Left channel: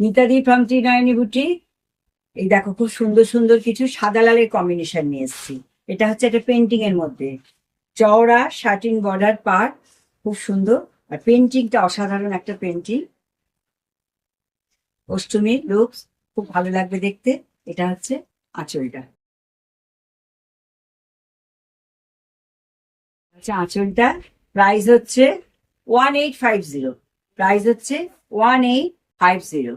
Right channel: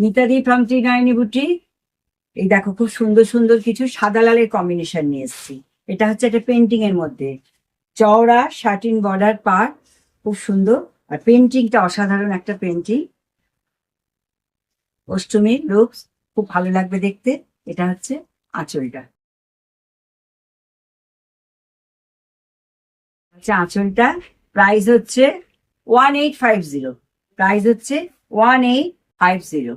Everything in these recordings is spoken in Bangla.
মিতাদি ফ্রম ত্রিনয়নী বুটিক। এই দেখো খুব সুন্দর সুন্দর কিছু সাদা লালের কম্বিনেশন নিয়ে এসেছি। এটা হচ্ছে একটা পেন্টিং এর মধ্যে চওড়া শার্টিন বর্ডার পার, খুব সুন্দর। আর পেন্টিংটা অসাধারণ একটা পেন্টিং, অষ্টমীর লুকস, খুব ভালো লাগবে দেখতে। এটা হচ্ছে আঁচলটা। আচ্ছা, আঁচলটা প্রাইস হচ্ছে 1850। প্রাইস হচ্ছে 1850।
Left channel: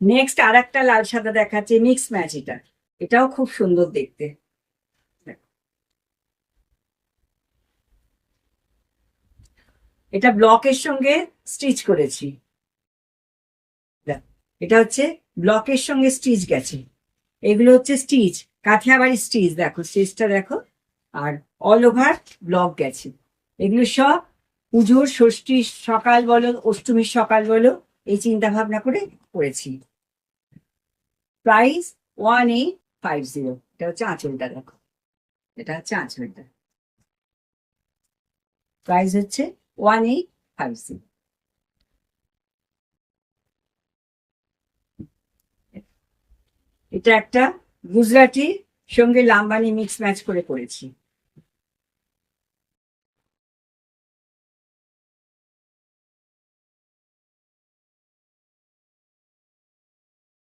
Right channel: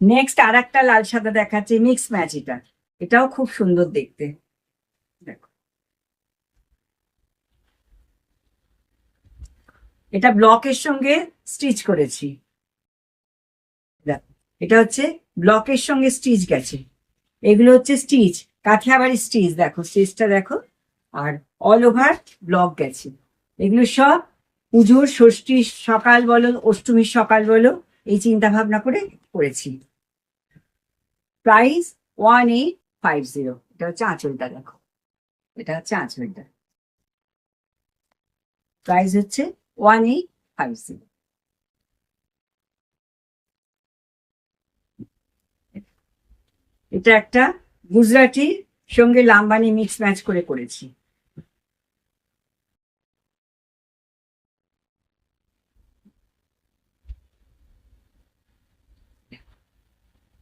নেক্সট আর একটা লাল সাদা দেখাচ্ছে, মিক্স ম্যাচ। এটাও খুব সুন্দর দেখতে। দেখো, এটা ব্লকের সঙ্গে স্টিচ করেছি। দেখো, এটা হচ্ছে ব্লকের সঙ্গে স্টিচ গেছে। এগুলো হচ্ছে স্টিচ, কাঠিয়াবাড়ি স্টিচ। দেখো স্টিচটা দেখো। আর অল ওভার ব্লক গেছে। এগুলো সব পুজোর ষষ্ঠীর সকাল বলো, অষ্টমীর সকাল বলো, এই চিন্তা ভাবনা করে করেছি। প্রাইস 1850। এটা হচ্ছে আঁচলটা। দেখো, এটা হচ্ছে আঁচলটা। প্রাইস হচ্ছে 1850। এটা একটা গুজরাটি সঙ্গে লাম্বানি মিক্স ম্যাচ করে করেছি।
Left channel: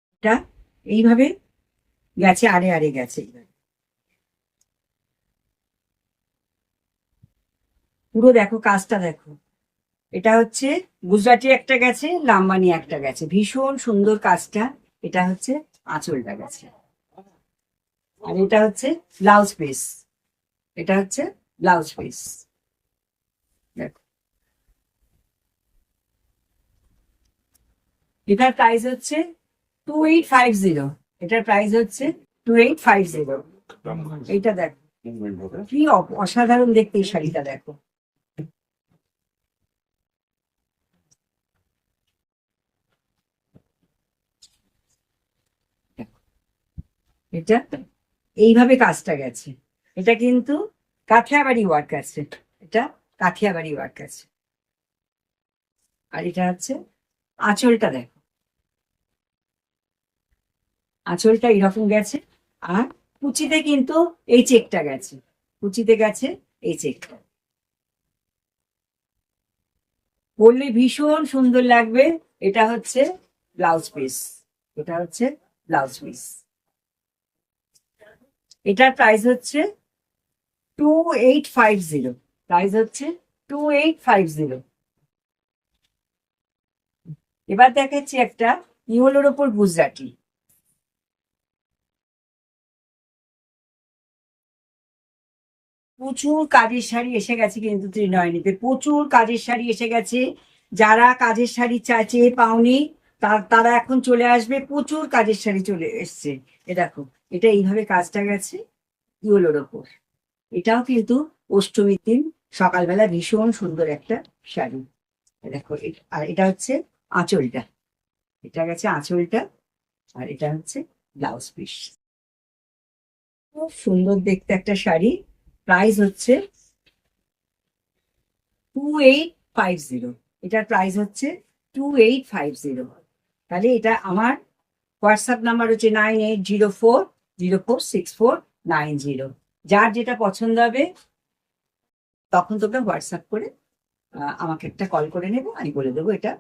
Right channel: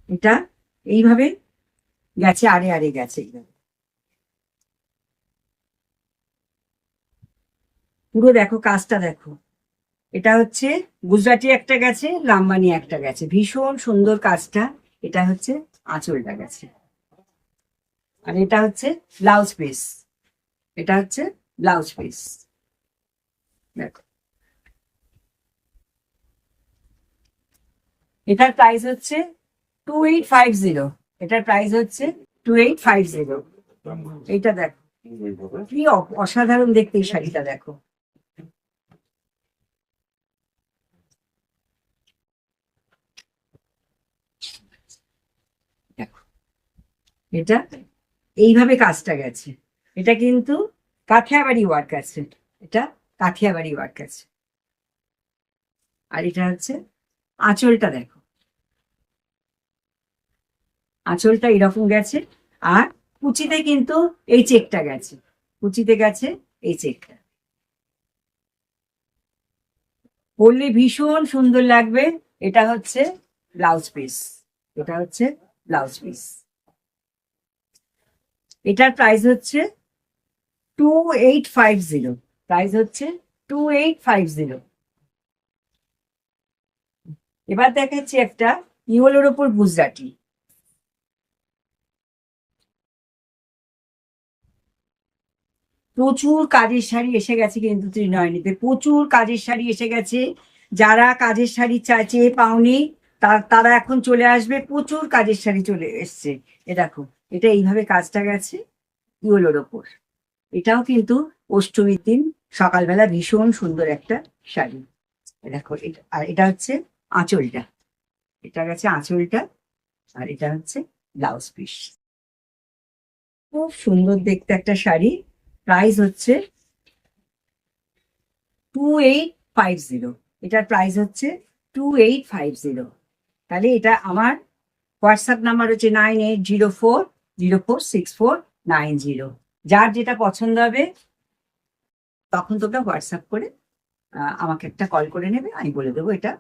এটা এইভাবে গেছে, আড়ে আড়ে গেছে এইভাবে। পুরো দেখো কাজটা দেখো। এটা হচ্ছে গুজরাটি একটা গেছে, লাম্বানি একটা গেছে, ভীষণ সুন্দর কাজটা। এটা হচ্ছে আঁচলটা গেছে। আর এটা হচ্ছে ব্লাউজ পিস। এটা হচ্ছে ব্লাউজ পিস। দেখো, এটার প্রাইস হচ্ছে 2850। এটার প্রাইস হচ্ছে 2850। এইটা দেখো, কি অসাধারণ দেখতে এই শাড়িটা। দেখো, দেখো এটা এইভাবে কাজটা গেছে। এটা কিন্তু কাঠিয়াবাড়ি ওয়ার্ক আছে। এটা কাঠিয়াবাড়ি ওয়ার্ক আছে। আর এটা হচ্ছে আঁচলটা। দেখো, আঁচলটা এরকম গেছে। আর কুচিতে কিন্তু এই চেকটা গেছে, কুচিতে গেছে এই চেকটা। পরলে ভীষণ সুন্দর লাগবে। এটা হচ্ছে ব্লাউজ পিস। এটা হচ্ছে ব্লাউজ পিস। এটার প্রাইস হচ্ছে 2850। প্রাইস হচ্ছে 2850। এবার দেখাচ্ছি একটা ইউলোর উপর গুজরাটি। প্রচুর কাজের শাড়ি এসে গেছে কিন্তু ত্রিনয়নীতে, প্রচুর কাজের শাড়ি এসে গেছে। যারা কাজের শাড়ি চেয়ে পাওনি, তারা এখন চলে আসবে। প্রচুর কাজের শাড়ি চলে এসছে। এ দেখো, এটা এইভাবে কাজটা গেছে ইউলোর ওপর। এটাও কিন্তু অষ্টমীর দিন সকালবেলা ভীষণ সুন্দর একটা শাড়ি। এ দেখো, আর এটা হচ্ছে আঁচলটা। এটা গেছে আঁচলটা। আর এটা হচ্ছে ব্লাউজ পিস। খুব সুন্দর দেখতে একটা শাড়ি। প্রাইস হচ্ছে 2850। এটার প্রাইস হচ্ছে 2850। তাহলে এটা আমার হোয়াটসঅ্যাপ নাম্বার হচ্ছে 9804046490। যার যেটা পছন্দ হবে তখন তোমরা হোয়াটসঅ্যাপ করে আমাকে একটা কল করে নেবে। আমি বলে দেবো, এটা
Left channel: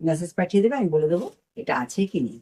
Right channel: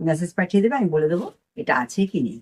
মেসেজ পাঠিয়ে দেবে, আমি বলে দেবো এটা আছে কি নেই।